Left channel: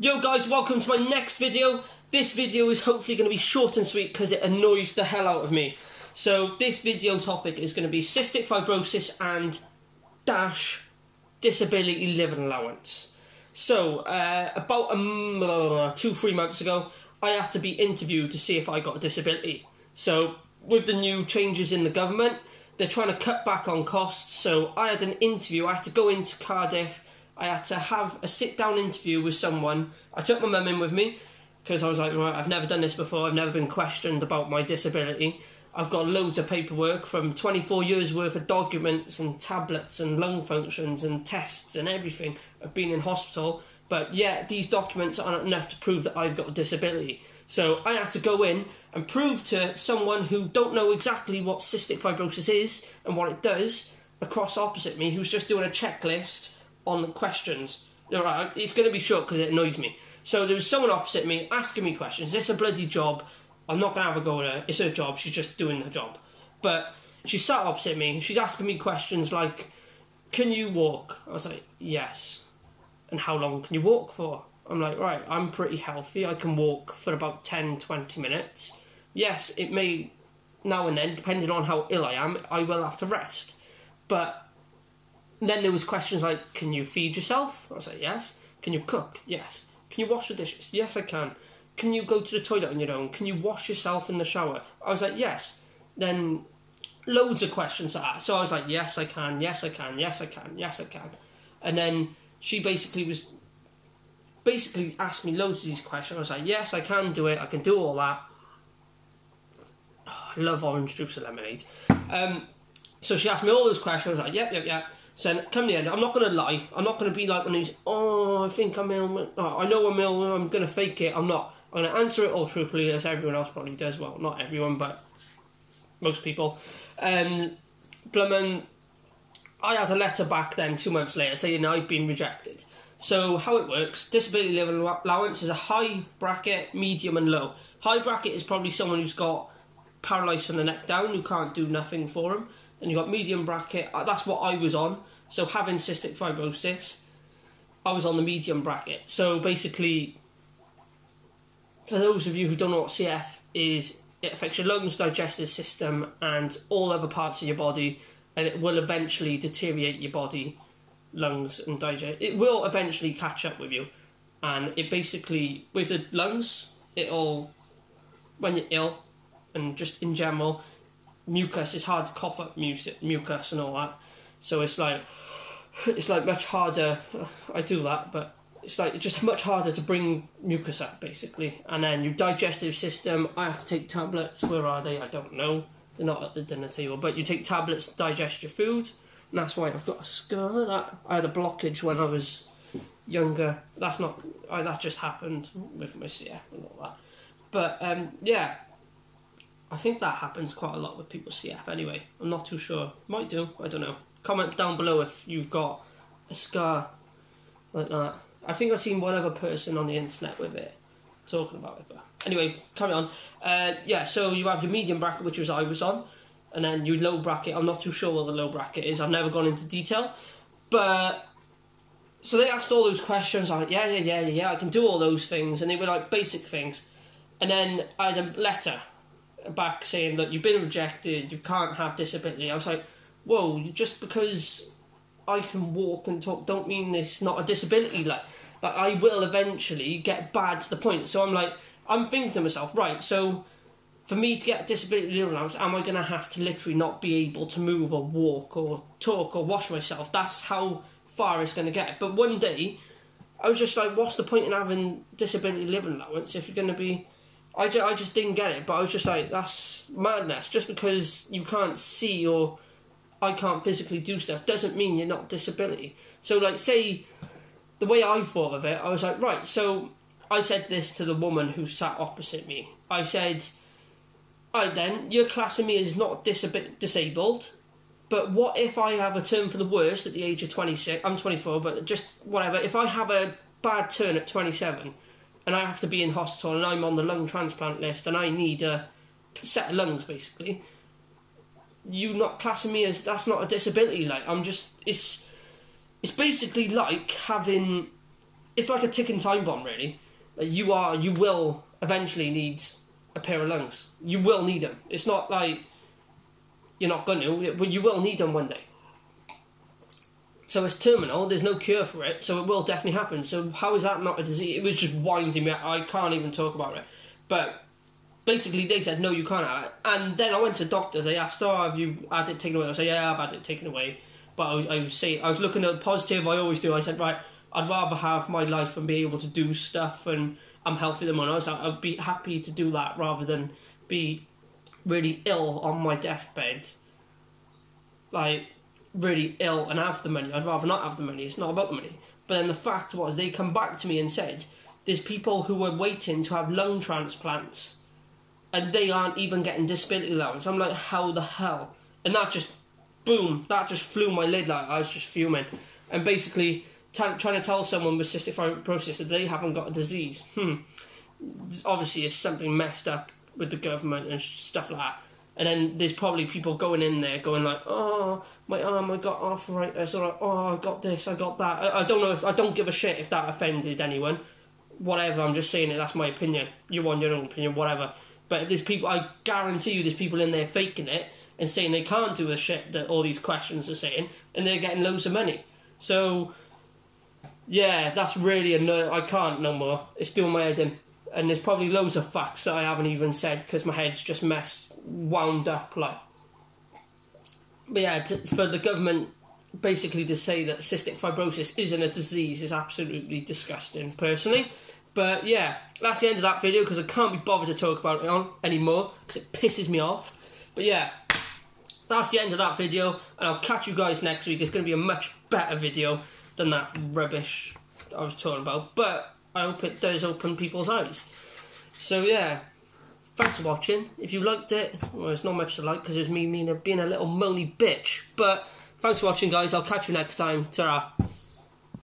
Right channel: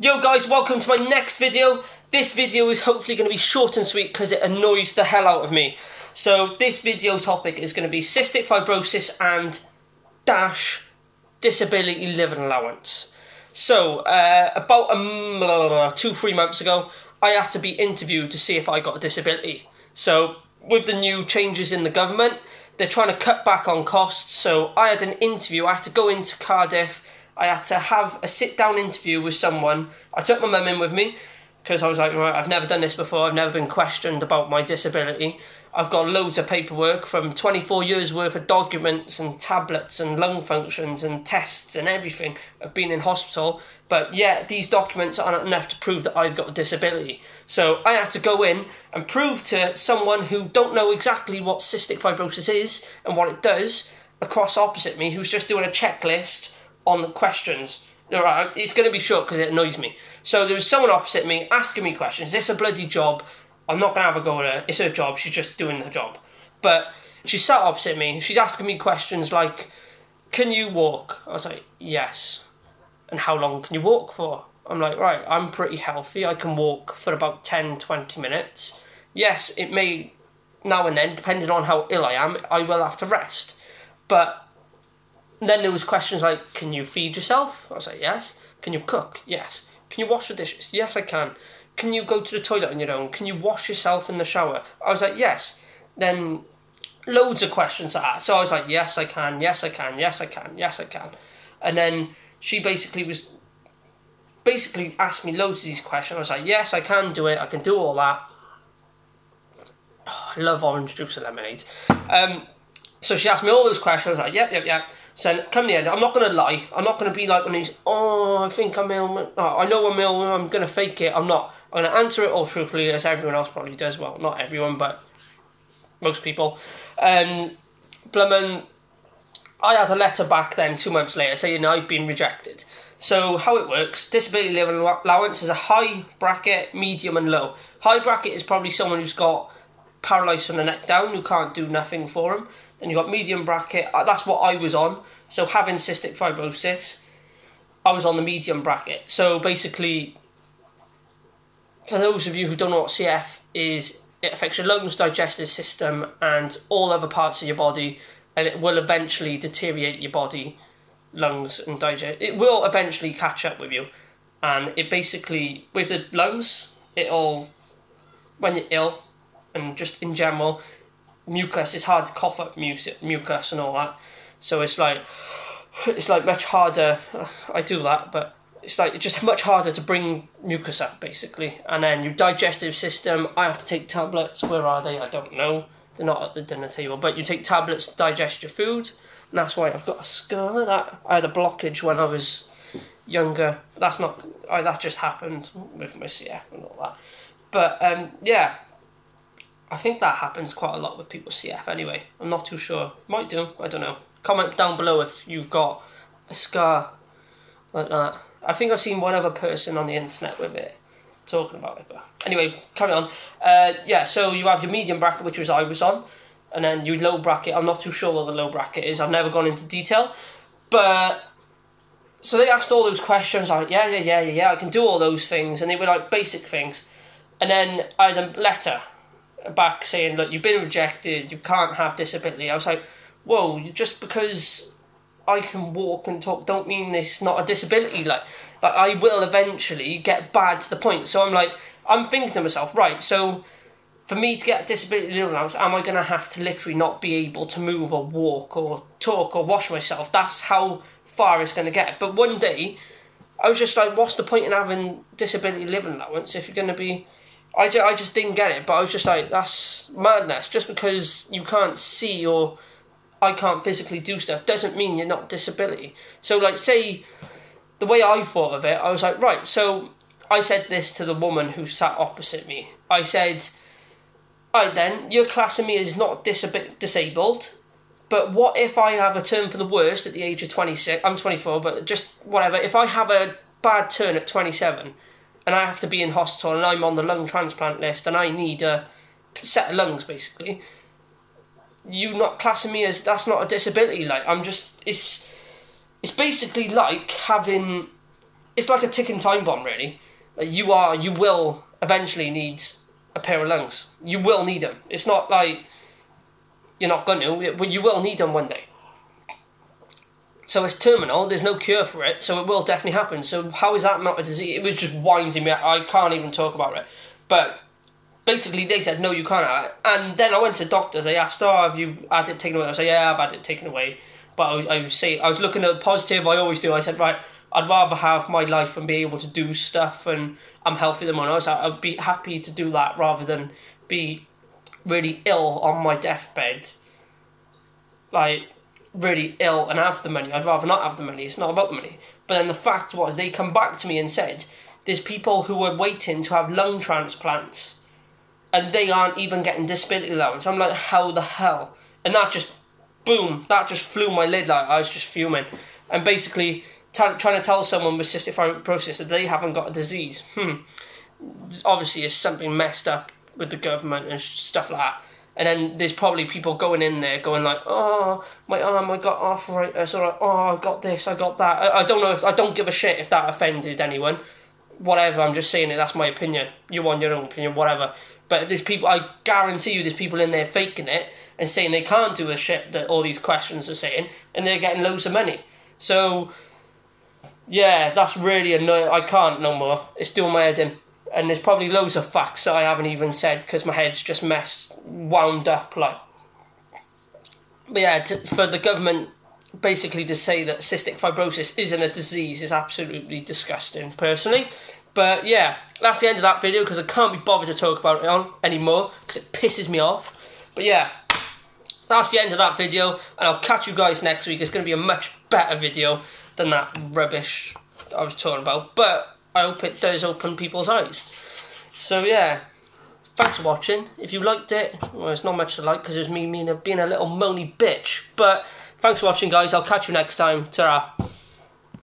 Yo guys, welcome to my next video. This video is hopefully going to be short and sweet because it annoys the hell out of me. So this video topic is going to be cystic fibrosis and disability living allowance. So about 2-3 months ago, I had to be interviewed to see if I got a disability. So with the new changes in the government, they're trying to cut back on costs. So I had an interview. I had to go into Cardiff. I had to have a sit-down interview with someone. I took my mum in with me because I was like, right, I've never done this before. I've never been questioned about my disability. I've got loads of paperwork from 24 years worth of documents and tablets and lung functions and tests and everything. I've been in hospital, but yeah, these documents aren't enough to prove that I've got a disability. So I had to go in and prove to someone who don't know exactly what cystic fibrosis is and what it does across opposite me, who's just doing a checklist on the questions. Alright, it's going to be short because it annoys me. So there was someone opposite me asking me questions. Is this a bloody job? I'm not going to have a go at her. It's her job. She's just doing her job. But she sat opposite me. She's asking me questions like, can you walk? I was like, yes. And how long can you walk for? I'm like, right, I'm pretty healthy. I can walk for about 10-20 minutes. Yes, it may, now and then, depending on how ill I am, I will have to rest. But then there was questions like, can you feed yourself? I was like, yes. Can you cook? Yes. Can you wash the dishes? Yes, I can. Can you go to the toilet on your own? Can you wash yourself in the shower? I was like, yes. Then loads of questions like that. So I was like, yes, I can. Yes, I can. Yes, I can. Yes, I can. And then she basically asked me loads of these questions. I was like, yes, I can do it. I can do all that. Oh, I love orange juice and lemonade. So she asked me all those questions. I was like, yep. So come the end, I'm not going to lie. I'm not going to be like one of these, I think I'm ill. Oh, I know I'm ill, I'm going to fake it. I'm not. I'm going to answer it all truthfully, as everyone else probably does. Well, not everyone, but most people. Blummin, I had a letter back then 2 months later saying I've been rejected. So how it works, disability living allowance is a high bracket, medium and low. High bracket is probably someone who's got paralysed from the neck down, who can't do nothing for them. Then you've got medium bracket, that's what I was on. So having cystic fibrosis, I was on the medium bracket. So basically, for those of you who don't know what CF is, it affects your lungs, digestive system and all other parts of your body, and it will eventually deteriorate your body, lungs and digest. It will eventually catch up with you. And it basically, with the lungs, it'll, when you're ill, and just in general, mucus, it's hard to cough up mucus and all that. So it's like much harder, I do that, but it's just much harder to bring mucus up, basically. And then your digestive system, I have to take tablets. Where are they? I don't know. They're not at the dinner table. But you take tablets to digest your food, and that's why I've got a scar. That I had a blockage when I was younger. That just happened with my CF and all that. But, yeah. I think that happens quite a lot with people with CF anyway. I'm not too sure. Might do, I don't know. Comment down below if you've got a scar like that. I think I've seen one other person on the internet with it talking about it. But anyway, carry on. Yeah, so you have your medium bracket, which was I was on. And then your low bracket, I'm not too sure what the low bracket is. I've never gone into detail. But, so they asked all those questions. I was like, yeah, I can do all those things. And they were like basic things. And then I had a letter back saying, look, you've been rejected, you can't have disability. I was like, whoa, just because I can walk and talk don't mean it's not a disability. Like I will eventually get bad to the point. So I'm thinking to myself, right, so for me to get a disability allowance, am I going to have to literally not be able to move or walk or talk or wash myself? That's how far it's going to get. But one day, I was just like, what's the point in having disability living allowance if you're going to be... I just didn't get it, but I was just like, that's madness. Just because you can't see or I can't physically do stuff doesn't mean you're not disability. So, like, say, the way I thought of it, I was like, right, so I said this to the woman who sat opposite me. I said, alright then, you're classing me as not disabled, but what if I have a turn for the worst at the age of 26? I'm 24, but just whatever. If I have a bad turn at 27... and I have to be in hospital and I'm on the lung transplant list and I need a set of lungs, basically, you not classing me as, that's not a disability. Like, I'm just, it's basically like having it's like a ticking time bomb, really. You will eventually need a pair of lungs. You will need them. It's not like you're not going to, but you will need them one day. So it's terminal, there's no cure for it, so it will definitely happen. So how is that not a disease? It was just winding me up. I can't even talk about it. But basically they said, no, you can't have it. And then I went to doctors, I asked, have you had it taken away? I said, yeah, I've had it taken away. But I was looking at positive, I always do. I said, right, I'd rather have my life and be able to do stuff, and I'm healthy than when I was. I'd be happy to do that rather than be really ill on my deathbed. Like, really ill and have the money. I'd rather not have the money. It's not about the money. But then the fact was, they come back to me and said, there's people who are waiting to have lung transplants and they aren't even getting disability allowance. I'm like, how the hell? And that just, boom, that just flew my lid. Like, I was just fuming. And basically trying to tell someone with cystic fibrosis that they haven't got a disease, obviously it's something messed up with the government and stuff like that. And then there's probably people going in there going like, oh, my arm, I got arthritis, or oh, I got this, I got that. I don't know, I don't give a shit if that offended anyone. Whatever, I'm just saying it, that's my opinion. You want your own opinion, whatever. But there's people, I guarantee you there's people in there faking it and saying they can't do the shit that all these questions are saying, and they're getting loads of money. So, yeah, that's really annoying. I can't no more. It's doing my head in. And there's probably loads of facts that I haven't even said because my head's just wound up, like. But yeah, for the government basically to say that cystic fibrosis isn't a disease is absolutely disgusting, personally. But yeah, that's the end of that video because I can't be bothered to talk about it anymore because it pisses me off. But yeah, that's the end of that video, and I'll catch you guys next week. It's going to be a much better video than that rubbish I was talking about. But I hope it does open people's eyes. So yeah, thanks for watching. If you liked it, well, it's not much to like because it was me being a little moany bitch. But thanks for watching, guys. I'll catch you next time. Ta-ra.